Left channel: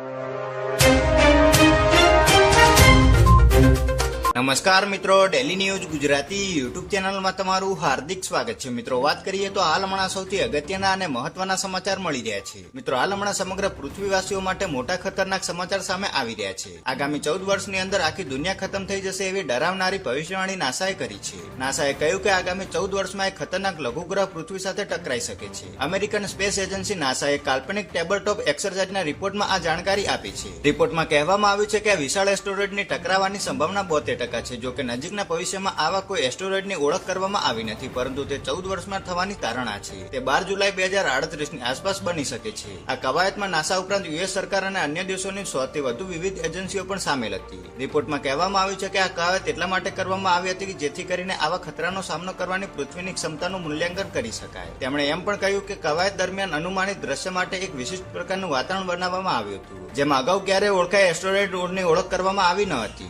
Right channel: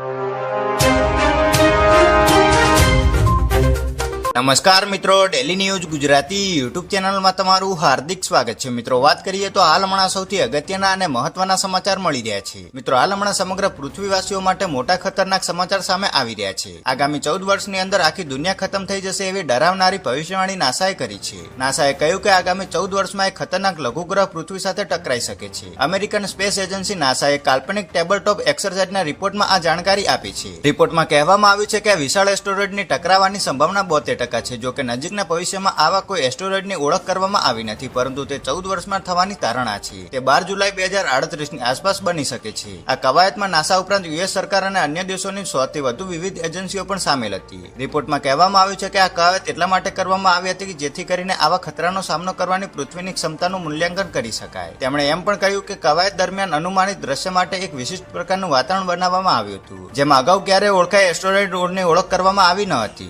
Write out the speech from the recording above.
you. નમસ્કાર મિત્રો daily news Gujarati YouTube ચેનલમાં તમારું હાર્દિક સ્વાગત છે. મિત્રો, વાત કરીએ તો હાલ હમણાં સૌથી અગત્યના અને મહત્વના સમાચાર મળી રહ્યા છે. મિત્રો, હાલ હમણાં સમગ્ર પૃથ્વીવાસીઓ માટે મોટા ખતરનાક સમાચાર સામે આવી રહ્યા છે. આગામી ચૌદ વર્ષની અંદર આખી દુનિયા ખતમ થઈ જશે એવી ડરાવનારી ભવિષ્યવાણી નાસાએ કરી છે. નાસાએ કહ્યું કે આગામી ચૌદ વર્ષમાં એક ખતરનાક લઘુગ્રહ પૃથ્વી સાથે ટકરાઈ શકે છે. અમેરિકન સ્પેસ એજન્સી નાસાએ કાલ્પનિક ટેબલ ટોપ એક્સરસાઇઝના રિપોર્ટમાં આ જાણકારી આપી છે. રિપોર્ટમાં કહેવામાં આવ્યું છે કે વિશાળ એસ્ટોરોઇડની ટકરાવાની સંભાવના બોતેર ટકા છે. જો નજીકના ભવિષ્યમાં આવા કોઈ એસ્ટોરોઇડની ઓળખ કરવામાં આવી નથી, પરંતુ તે ચૌદ વર્ષમાં થવાની તારણા છે. તે બાર જુલાઈ બે હજાર આડત્રીસની આસપાસ બની શકે છે. આ કવાયતમાં નાસા ઉપરાંત યુએસ સરકાર અને અન્ય દેશોની સોથી વધુ વિવિધ એજન્સીઓ પણ સામેલ હતી. રિપોર્ટમાં કહેવામાં આવ્યું છે કે આ કવાયત એટલા માટે કરવામાં આવી હતી કે જેથી કરીને આવા ખતરાનો સામનો કરવાની પૃથ્વીની ક્ષમતાનું મૂલ્યાંકન કરી શકાય. તેમણે એમ પણ કહ્યું કે કવાયત દરમિયાન અનુમાનિત દ્રશ્ય માટે એક વિશિષ્ટ પ્રકારનું વાતાવરણ બનાવવામાં આવ્યું હતું, જેમાં અગાઉ ક્યારેય ઓળખાય એસ્ટોરોઇડ રોડની ઓળખ કરવામાં આવી ન હતી.